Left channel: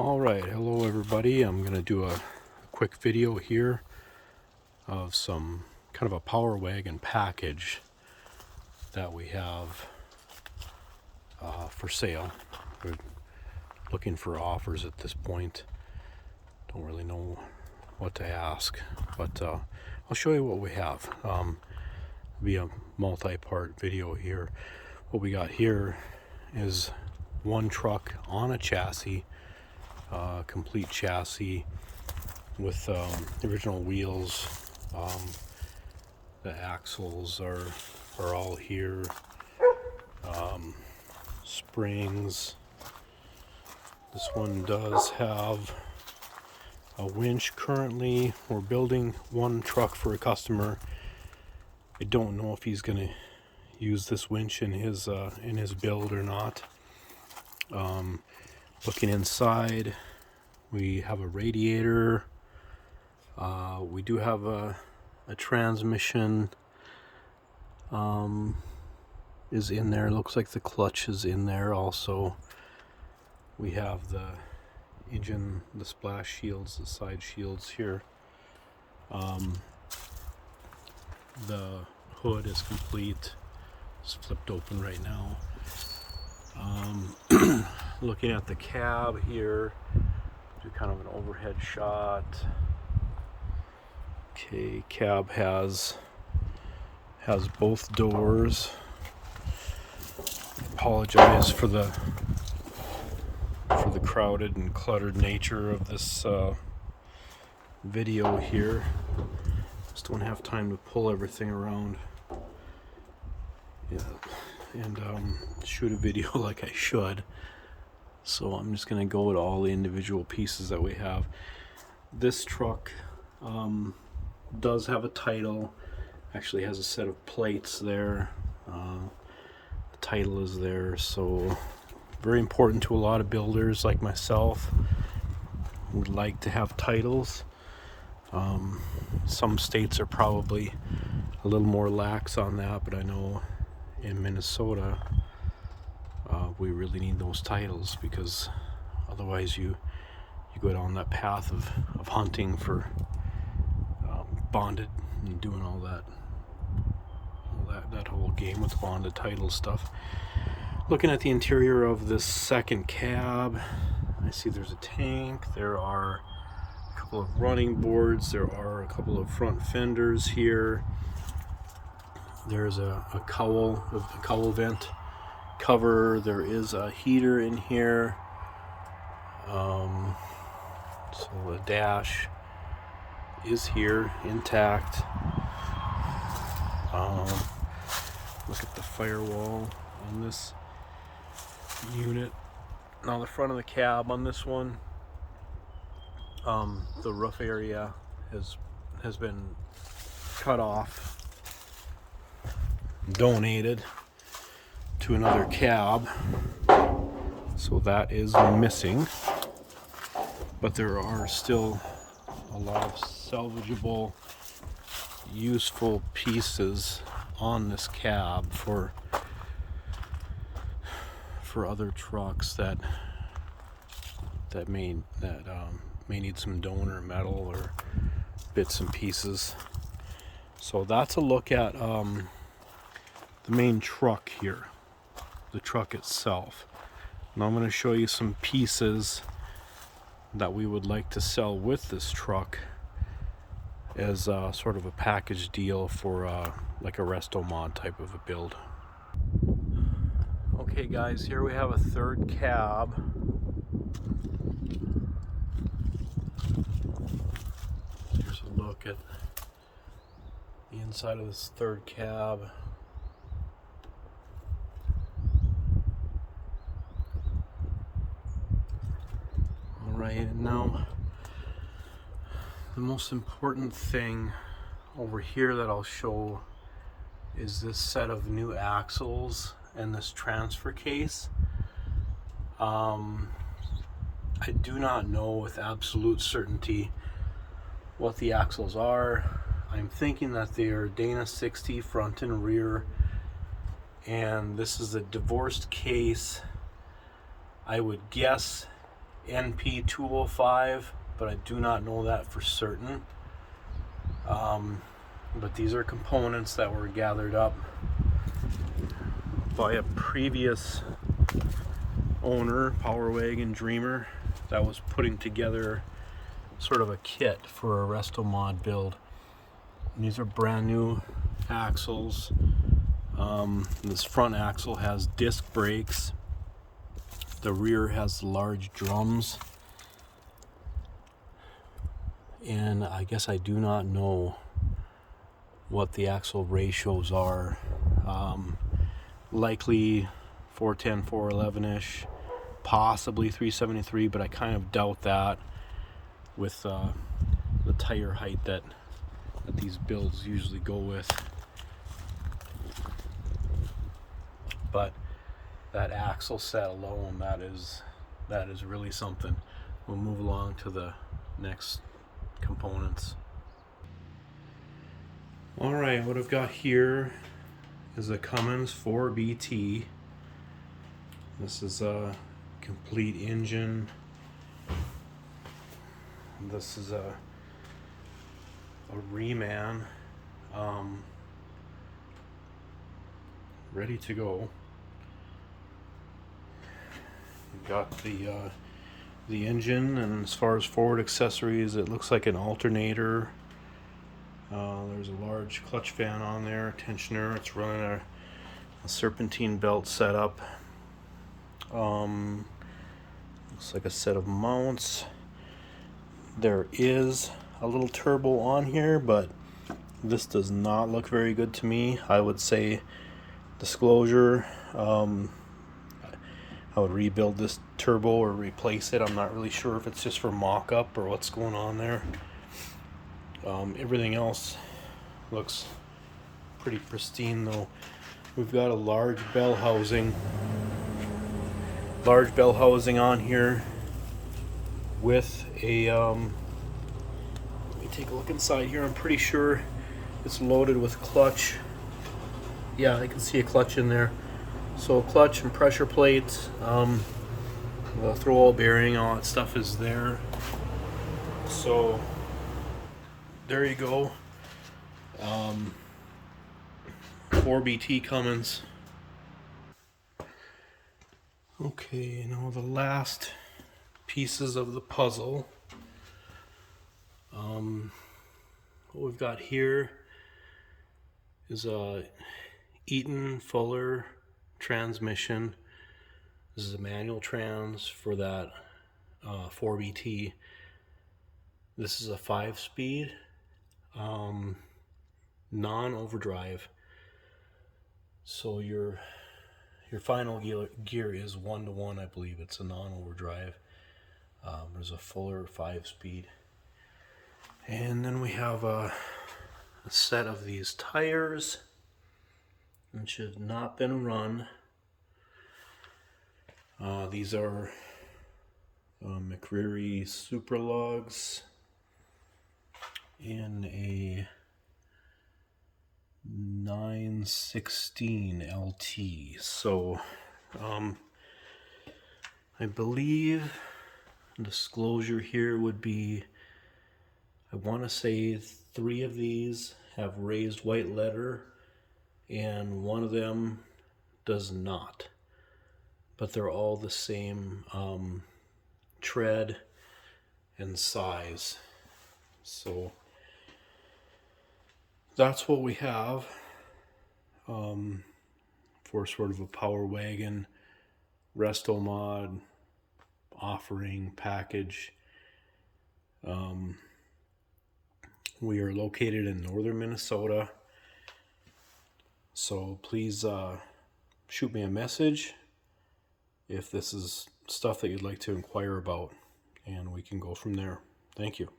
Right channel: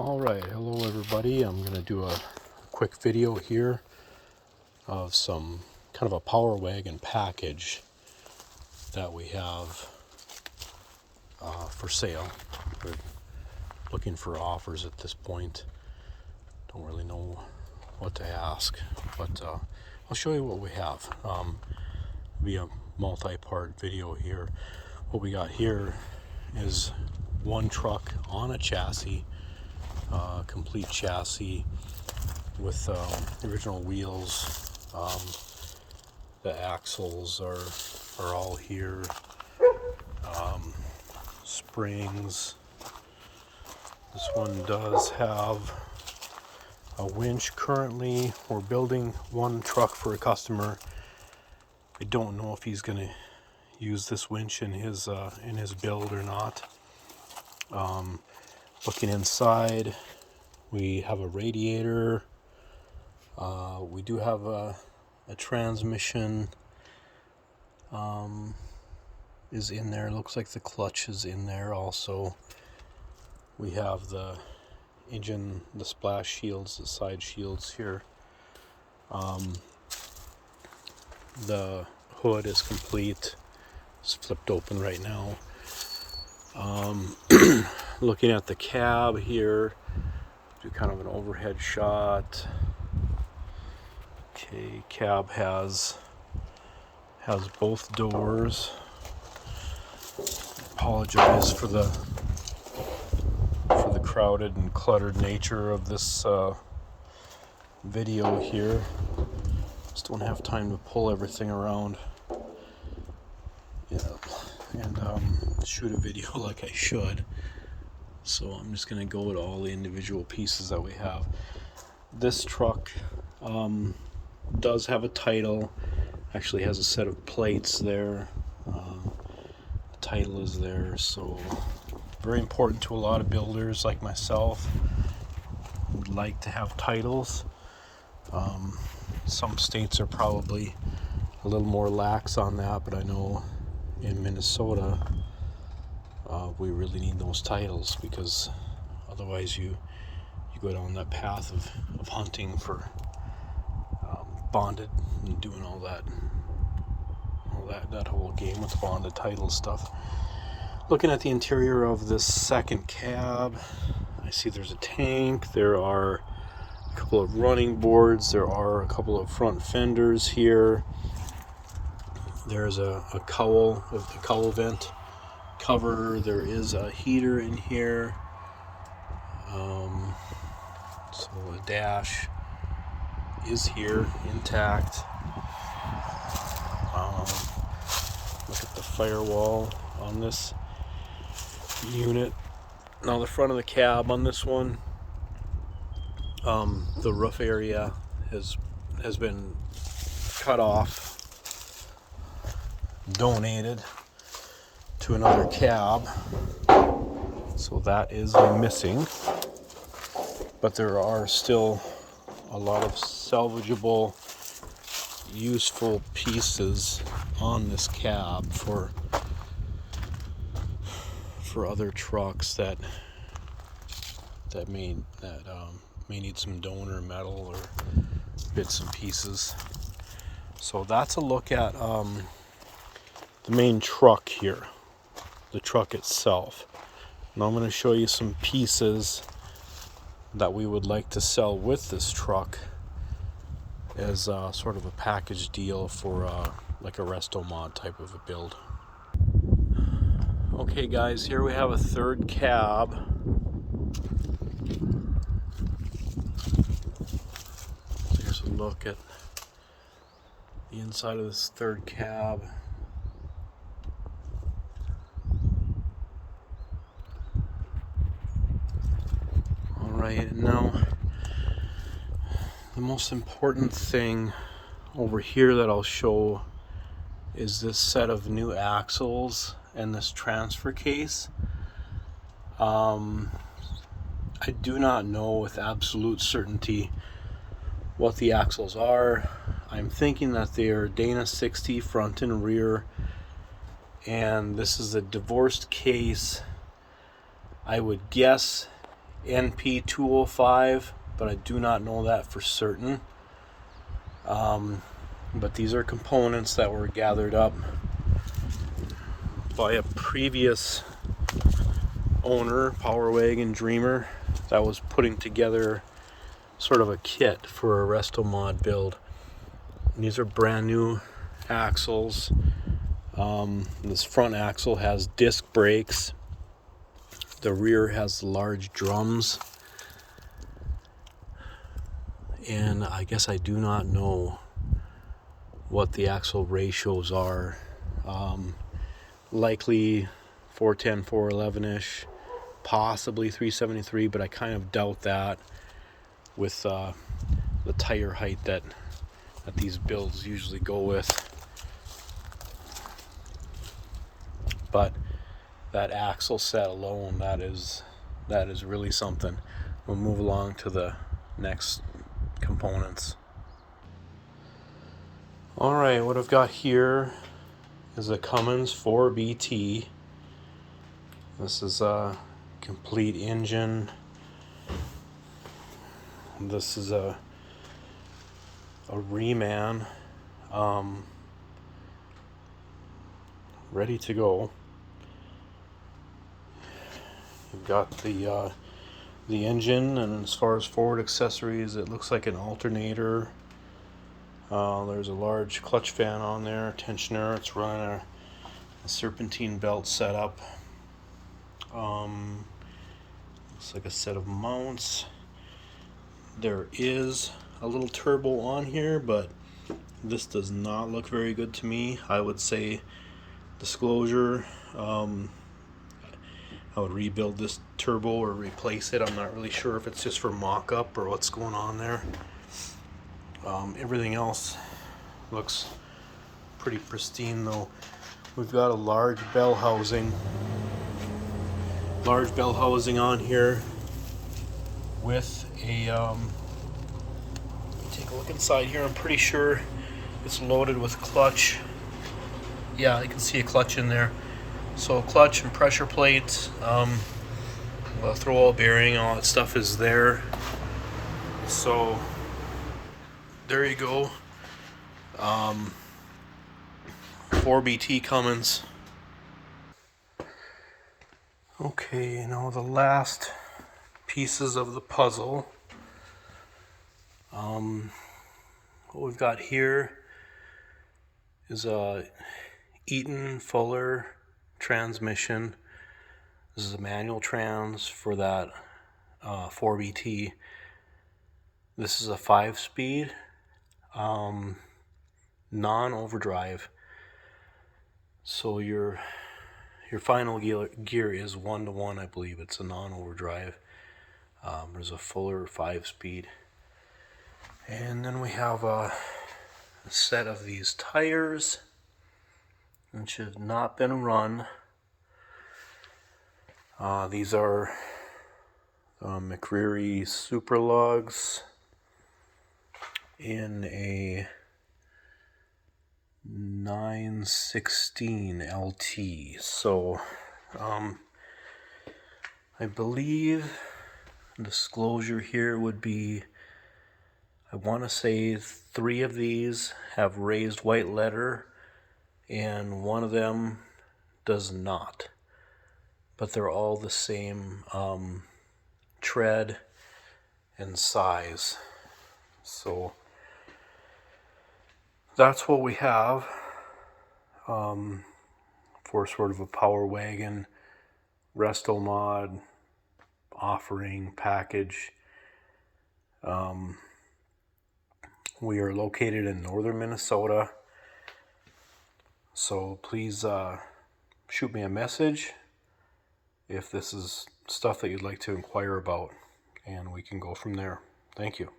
Alright, hello everybody. I'm going to do a quick video here of some kind of a power wagon package that we have for sale. We're looking for offers at this point. Don't really know what to ask, but I'll show you what we have. Be a multi-part video here. What we got here is one truck on a chassis. Complete chassis with original wheels. The axles are all here. Springs. This one does have a winch. Currently, we're building one truck for a customer. I don't know if he's going to use this winch in his build or not. Looking inside, we have a radiator. We do have a transmission is in there. Looks like the clutch is in there also. We have the engine, the splash shields, the side shields here. The hood is complete. It's flipped open right now. Looking at the cab here, do kind of an overhead shot. Okay, cab has both doors. Apologize for the crowded and cluttered nature of this video here. Just don't have time to pull everything around. Yeah, and shoot a video like I should. So I'm just going to go with all the individual pieces that we have. This truck does have a title. Actually has a set of plates there. The title is there, so very important to a lot of builders like myself who would like to have titles. Some states are probably a little more lax on that, but I know in Minnesota we really need those titles, because otherwise you go down that path of hunting for bonded and doing all that whole game with bonded title stuff. Looking at the interior of this second cab, I see there's a tank, there are a couple of running boards, there are a couple of front fenders here. There's a cowl vent cover. There is a heater in here. So the dash is here intact. Look at the firewall on this unit. Now the front of the cab on this one, the roof area has been cut off, donated to another cab, so that is missing. But there are still a lot of salvageable, useful pieces on this cab for other trucks that may need some donor metal or bits and pieces. So that's a look at the main truck here, the truck itself. Now I'm going to show you some pieces that we would like to sell with this truck as sort of a package deal for like a resto mod type of a build. Okay guys, here we have a third cab. So here's a look at the inside of this third cab. Alright, and now the most important thing over here that I'll show is this set of new axles and this transfer case. I do not know with absolute certainty what the axles are. I'm thinking that they are Dana 60 front and rear, and this is a divorced case. I would guess NP205, but I do not know that for certain. But these are components that were gathered up by a previous owner, Power Wagon Dreamer, that was putting together sort of a kit for a Resto Mod build. And these are brand new axles. This front axle has disc brakes. The rear has large drums. And I guess I do not know what the axle ratios are. Likely 410, 411-ish, possibly 373, but I kind of doubt that with the tire height that these builds usually go with. But that axle set alone, that is really something. We'll move along to the next components. All right, what I've got here is a Cummins 4BT. This is a complete engine. This is a reman, ready to go. You've got the engine, and as far as forward accessories, it looks like an alternator. There's a large clutch fan on there, tensioner. It's running a serpentine belt setup. Looks like a set of mounts. There is a little turbo on here, but this does not look very good to me. I would say, disclosure, I would rebuild this turbo or replace it. I'm not really sure if it's just for mock-up or what's going on there. Everything else looks pretty pristine though. We've got a large bell housing on here with a let me take a look inside here. I'm pretty sure it's loaded with clutch. Yeah, I can see a clutch in there. So clutch and pressure plates, well, throw bearing, all that stuff is there. So there you go. 4BT Cummins. Okay, now the last pieces of the puzzle. What we've got here is a Eaton Fuller transmission. This is a manual trans for that 4BT. This is a 5-speed, non-overdrive. So your final gear is 1-to-1, I believe. It's a non-overdrive. There's a Fuller 5-speed. And then we have a set of these tires, which have not been run. These are McCreary Super Lugs in a 916 LT. So I believe disclosure here would be, I want to say 3 of these have raised white letter and 1 of them does not, but they're all the same tread and size. So that's what we have for sort of a Power Wagon Resto Mod offering package. We are located in northern Minnesota, so please shoot me a message if this is stuff that you'd like to inquire about, and we can go from there. Thank you.